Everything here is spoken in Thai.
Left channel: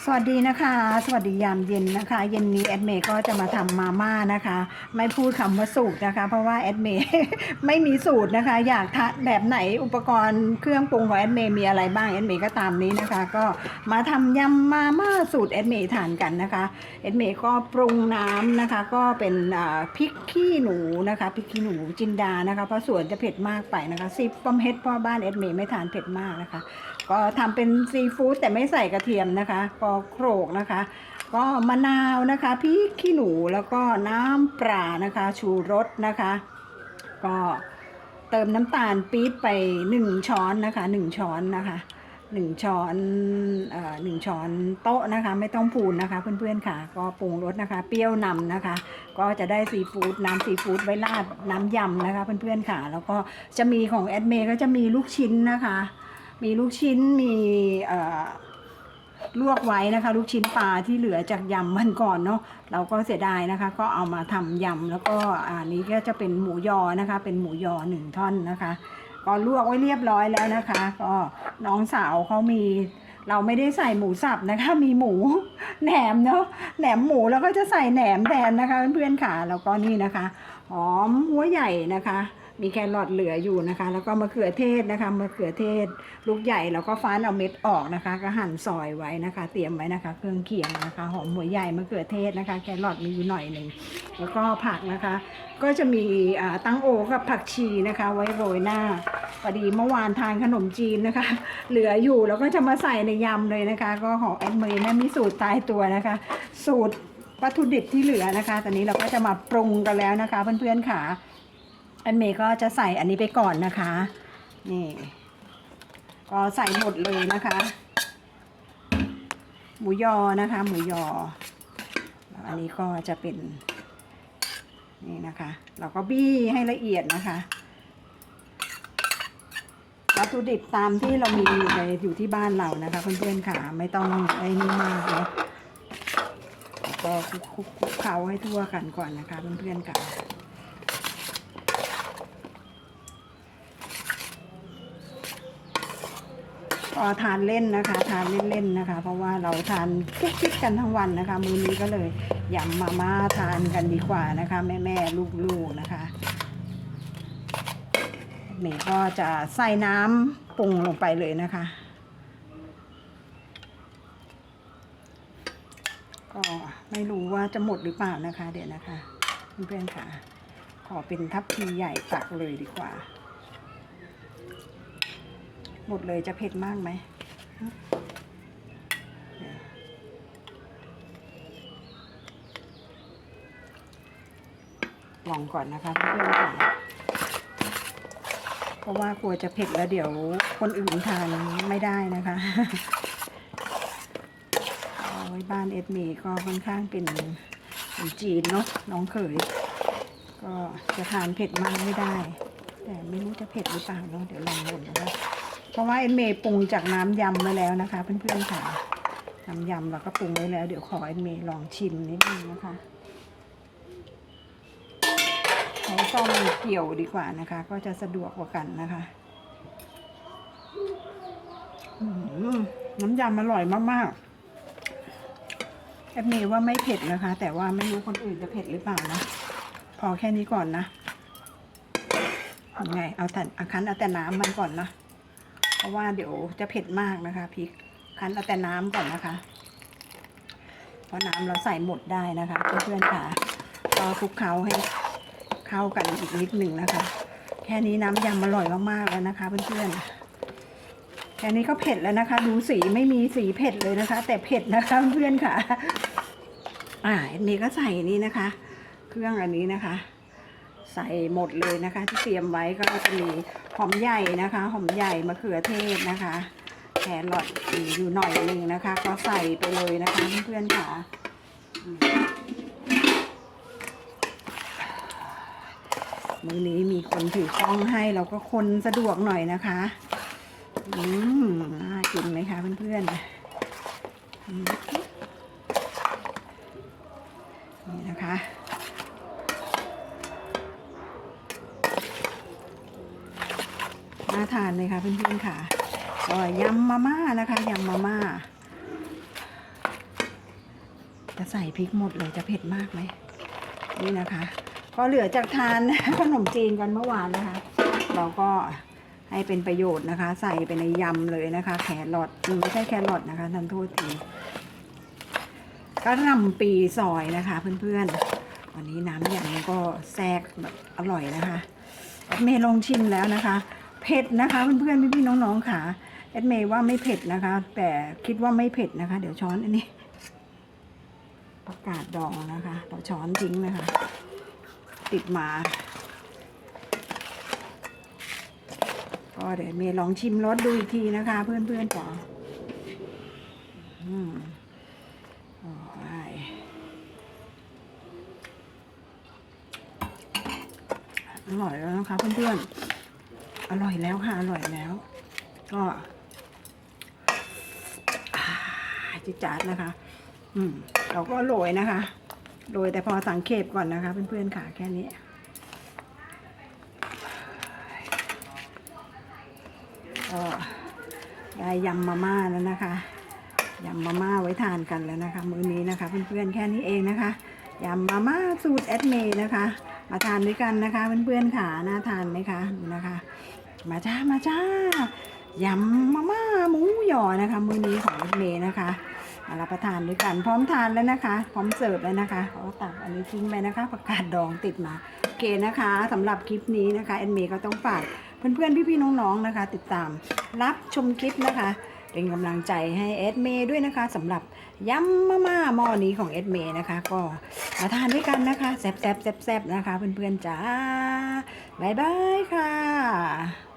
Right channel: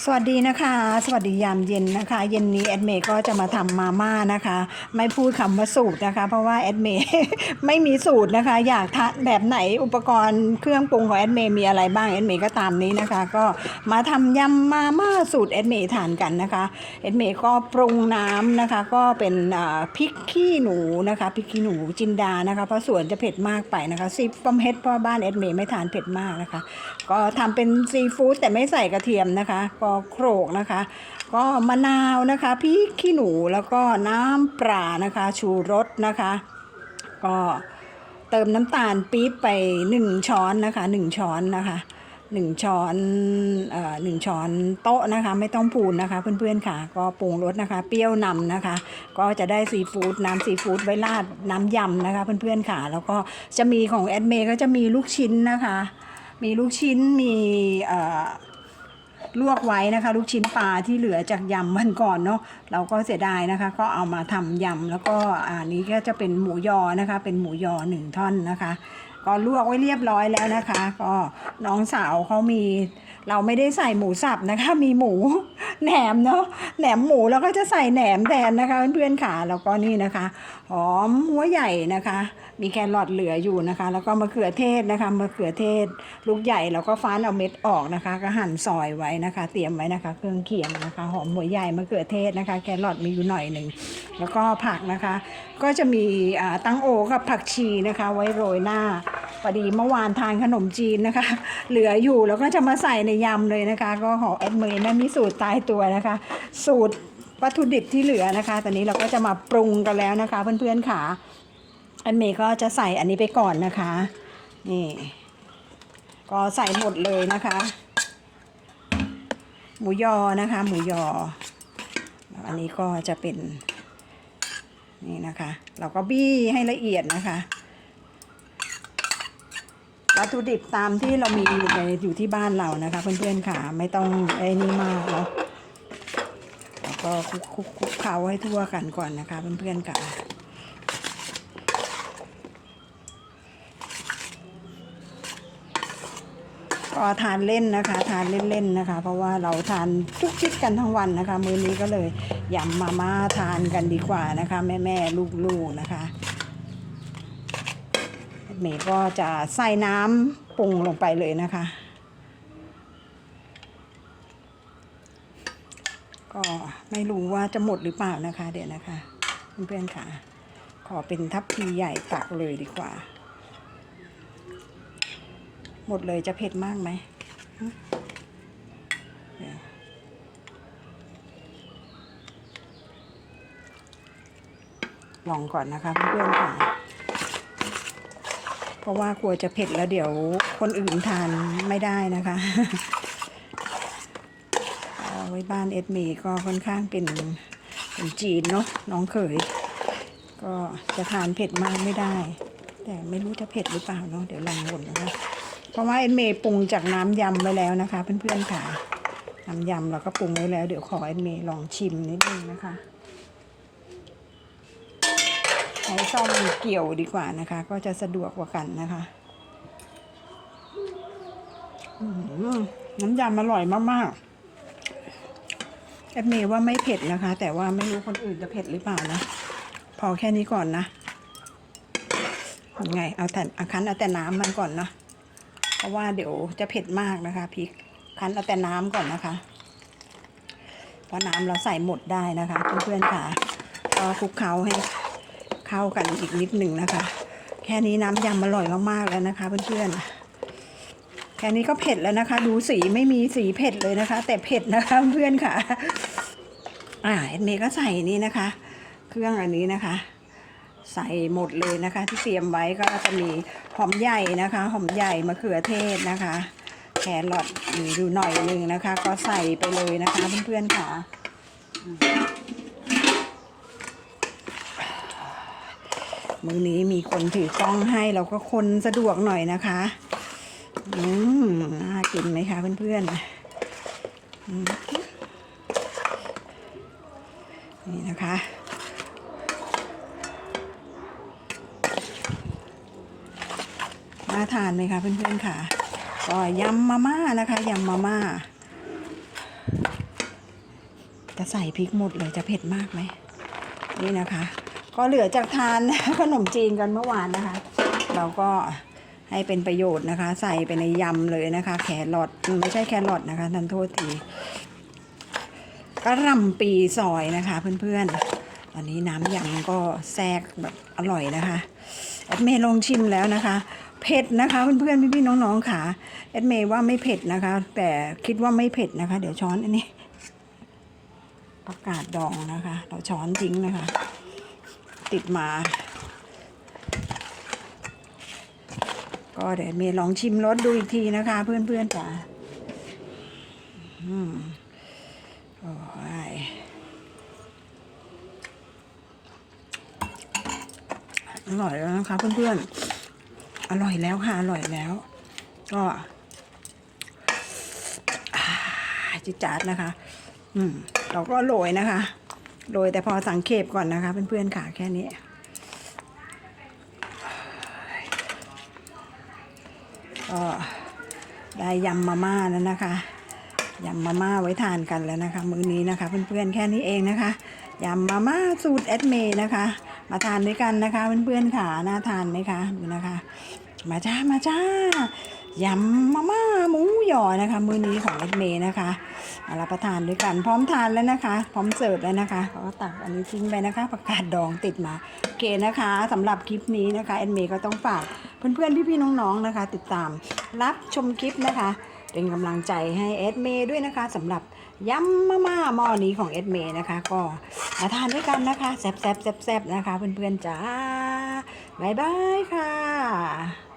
สวัสดีนะคะ สวัสดียามเย็นนะคะ เย็นนี้แอดเมย์ก็จะมาทำมาม่านะคะ ไม่พูดคำว่าสูตรนะคะ เพราะว่าแอดเมย์ไม่มีสูตรนะคะ อยากทานแบบไหนอุปกรณ์เครื่องปรุงของแอดเมย์มีอะไรบ้างแอดเมย์ก็ตามนี้นะคะ ก็มาทำยำมาม่าสูตรแอดเมย์ทานกันนะคะแอดเมย์ก็ปรุงน้ำนะคะ ก็เป็นพริกขี้หนูนะคะพริกขี้หนูจินดานะคะ เพราะส่วนจะเผ็ดมากไปนะคะซิปก็เฮ็ดเพราะบ้านแอดเมย์ไม่ทานเผ็ดมากนะคะ ก็ทำเป็นซีฟู้ดแต่ไม่ใส่กระเทียมนะคะก็โขลกนะคะ ก็มะนาวนะคะพริกขี้หนูแล้วก็น้ำปลานะคะ ชูรสนะคะ ก็เติมน้ำตาลปี๊บไป 1 ช้อนนะคะ 1 ช้อนนะคะ 1 ช้อนเอ่อหนึ่งช้อนโต๊ะนะคะ ไม่ต้องพูนนะคะ เพื่อนๆค่ะ ก็ปรุงรสนะคะ เปรี้ยวนำนะคะ ก็จะได้ซีฟู้ดน้ำซีฟู้ดไว้ราดน้ำยำนะคะ เพื่อนๆค่ะ แล้วก็จะมีของแอดเมย์ก็จะมีลูกชิ้นนะคะมีลูกชิ้น มีเอ่อ ลวกไว้นะคะ ลูกชิ้นปลาที่เหลือจากยำมันก่อนเนาะเราก็เสียดายนะคะ ก็เอามาทำยำแล้วก็อันนี้ก็จะเป็นหมูยอนะคะ เป็นหมูยอหนึ่งท่อนนะคะ ก็ลวกไว้เรียบร้อยแล้วนะคะ ก็น้องสาวเขามี เราไม่ได้ใส่หมูสับนะคะ มีหมูแหนมเนาะแหนมหมูแล้วก็จะใส่แหนมแทนนะคะเพื่อนๆค่ะแล้วก็นี่นะคะหอมหัวใหญ่นะคะ มีแครอทเหลืออยู่นะคะ แล้วก็มะเขือเทศนะคะมะเขือเทศ ลูกใหญ่แล้วก็ฟ้านเอาเม็ดออกนะคะ ก็หั่นซอยไว้นะคะ เตรียมไว้นะคะ เครื่องเคียงนะคะ หอมหัวใหญ่มะเขือเทศนะคะ แครอทมีอยู่หน่อยหนึ่งแล้วก็ผักนะคะ ก็จะมีตั้งโอกับผักชีนะคะ ไว้โรยหน้าพอดีเมื่อวานทานขนมจีนนะคะ เหลืออยู่แล้วก็จะมาใส่ในยำเลยนะคะ ก็ของแอดเมย์นะมีสูตรตายตัวนะคะ สูตรวัตถุดิบที่เหลือนะคะ ตอนนี้เราก็จะมาปรุงกันแล้วนะคะ เพื่อนๆค่ะแอดเมย์ก็จะใส่อันนี้ไปก่อนนะคะ นี่ ก็ใส่หมดเลยนะคะ หมูยอนะคะ หมูยอ อันนี้ก็จะเป็นนี่นะคะ เราก็บี้ให้ละเอียดนะคะ วัตถุดิบตามที่เรามีอยู่ในอยู่ที่บ้านเรานะคะ เพื่อนๆค่ะ ไม่ต้องไอ้นี่มากเนาะแล้วก็คลุกคลุกคุกเคล้าให้ทั่วกันก่อนนะคะ เพื่อนๆค่ะก็ทานเล่นนะคะ ทานเล่นๆนะคะ เพราะว่าเราทานทุกชิดกันทั้งวันนะคะ มื้อนี้ก็เลยยำมาม่าทานกันดีกว่านะคะ แม่ๆลูกๆนะคะ เมย์ก็จะใส่น้ำปรุงลงไปเลยนะคะ ก็ไม่รู้ว่าจะหมดหรือเปล่านะคะ เดี๋ยวนะคะเพื่อนๆค่ะ ขอเป็นทัพพีใหญ่ตักเลยดีกว่า หมดเลยจะเผ็ดมากไหมลองก่อนนะคะเพื่อนๆค่ะ เพราะว่ากลัวจะเผ็ดแล้วเดี๋ยวคนอื่นทานไม่ได้นะคะเอาไว้บ้านเอ็ดมย์ก็ค่อนข้างเป็นจีนเนาะน้องเขย ก็จะทานเผ็ดมากไม่ได้ แต่ไม่รู้จะเผ็ดหรือเปล่าเนาะเดี๋ยวลองหมดนะคะเพราะว่าเอ็นเมย์ปรุงจากน้ำยำไว้แล้วนะคะเพื่อนๆค่ะน้ำยำเราก็ปรุงไว้แล้ว เดี๋ยวขอเอ็นเมย์ลองชิมนิดนึงนะคะใช้ซ่อมเกี่ยวดีกว่านะคะ ก็จะสะดวกกว่ากันนะคะน้ำยำอร่อยมากๆเอ็นเมย์ว่าไม่เผ็ดนะคะ แต่ว่าไม่รู้คนอื่นจะเผ็ดหรือเปล่านะ พอแค่นี้ก่อนนะยังไง เอาแต่อาคั้นเอาแต่น้ำมันก่อนนะ เพราะว่าเดี๋ยวจะเผ็ดมากนะคะพริกคั้นเอาแต่น้ำก่อนนะคะเพราะน้ำเราใส่หมดได้นะคะเพื่อนๆค่ะก็คลุกเคล้าให้ เข้ากันอีกนิดหนึ่งนะคะ แค่นี้น้ำยำอร่อยมากๆแล้วนะคะเพื่อนๆแค่นี้ก็เผ็ดแล้วนะคะ ดูสีไม่มีสีเผ็ดเลยนะคะ แต่เผ็ดนะคะเพื่อนค่ะ อ่าอันก็ใส่นี่นะคะ เครื่องอันนี้นะคะ ใส่หมดเลยนะคะ ที่เตรียมไว้ก็จะมีหอมใหญ่นะคะหอมใหญ่มะเขือเทศนะคะแครอทอยู่หน่อยหนึ่งนะคะ ก็ใส่ไปเลยนะคะเพื่อนๆค่ะ มื้อนี้มีคนถือกล้องให้เราก็คนสะดวกหน่อยนะคะ อืมน่ากินไหมคะเพื่อนๆอืมนี่นะคะน่าทานไหมคะเพื่อนๆค่ะก็ยำมาม่านะคะยำมาม่าจะใส่พริกหมดเลยจะเผ็ดมากไหมนี่นะคะ ก็เหลือจากทานขนมจีนกันเมื่อวานนะคะ เราก็ให้เป็นประโยชน์นะคะ ใส่ไปในยำเลยนะคะ แครอทไม่ใช่แครอทนะคะทันโทษทีกระหลำปีซอยนะคะเพื่อนๆอันนี้น้ำยำก็แทรกแบบอร่อยนะคะแอดเมย์ลองชิมแล้วนะคะเผ็ดนะคะเพื่อนๆพี่ๆน้องๆค่ะแอดเมย์ว่าไม่เผ็ดนะคะ แต่คิดว่าไม่เผ็ดนะคะ เดี๋ยวช้อนอันนี้ประกาศดองนะคะ เราช้อนทิ้งนะคะ ติดมา ก็เดี๋ยวเมย์ลองชิมรสดูอีกทีนะคะ เพื่อนๆจ๋าอืมโอ้ยอร่อยแล้วนะคะเพื่อนๆ อร่อยแล้วค่ะ อร่อยแล้ว ก็จิจาดนะคะ อืม เราก็โรยนะคะ โรยแต่พอสังเขปก่อนนะคะเพื่อนๆค่ะแค่นี้ ก็ได้ยำมาม่าแล้วนะคะยำมาม่าไว้ทานกันแล้วนะคะ มื้อนี้นะคะ เพื่อนๆแค่นี้เองนะคะยำมาม่าสูตรแอดเมย์นะคะ มาทานด้วยกันนะคะ เพื่อนๆค่ะน่าทานไหมคะดูนะคะ มาจ้ามาจ้า ยำมาม่าหมูหยอนะคะ มื้อนี้ของแอดเมย์นะคะมารับประทานด้วยกันพร้อมทานแล้วนะคะ พร้อมเสิร์ฟแล้วนะคะก็ตักอันนี้ทิ้งไปนะคะประกาศดองติดมาโอเคนะคะสำหรับคลิปนี้นะคะแอดเมย์ก็ต้องฝากเพื่อนๆพี่ๆน้องๆนะคะ ติดตามรับชมคลิปนะคะเป็นกำลังใจให้เอดเมย์ด้วยนะคะสำหรับยำมาม่าหม้อนี้ของเอดเมย์นะคะ ก็มาทานด้วยกันนะคะแซ่บๆแซ่บๆนะคะ เพื่อนๆจ้าบายบายค่ะ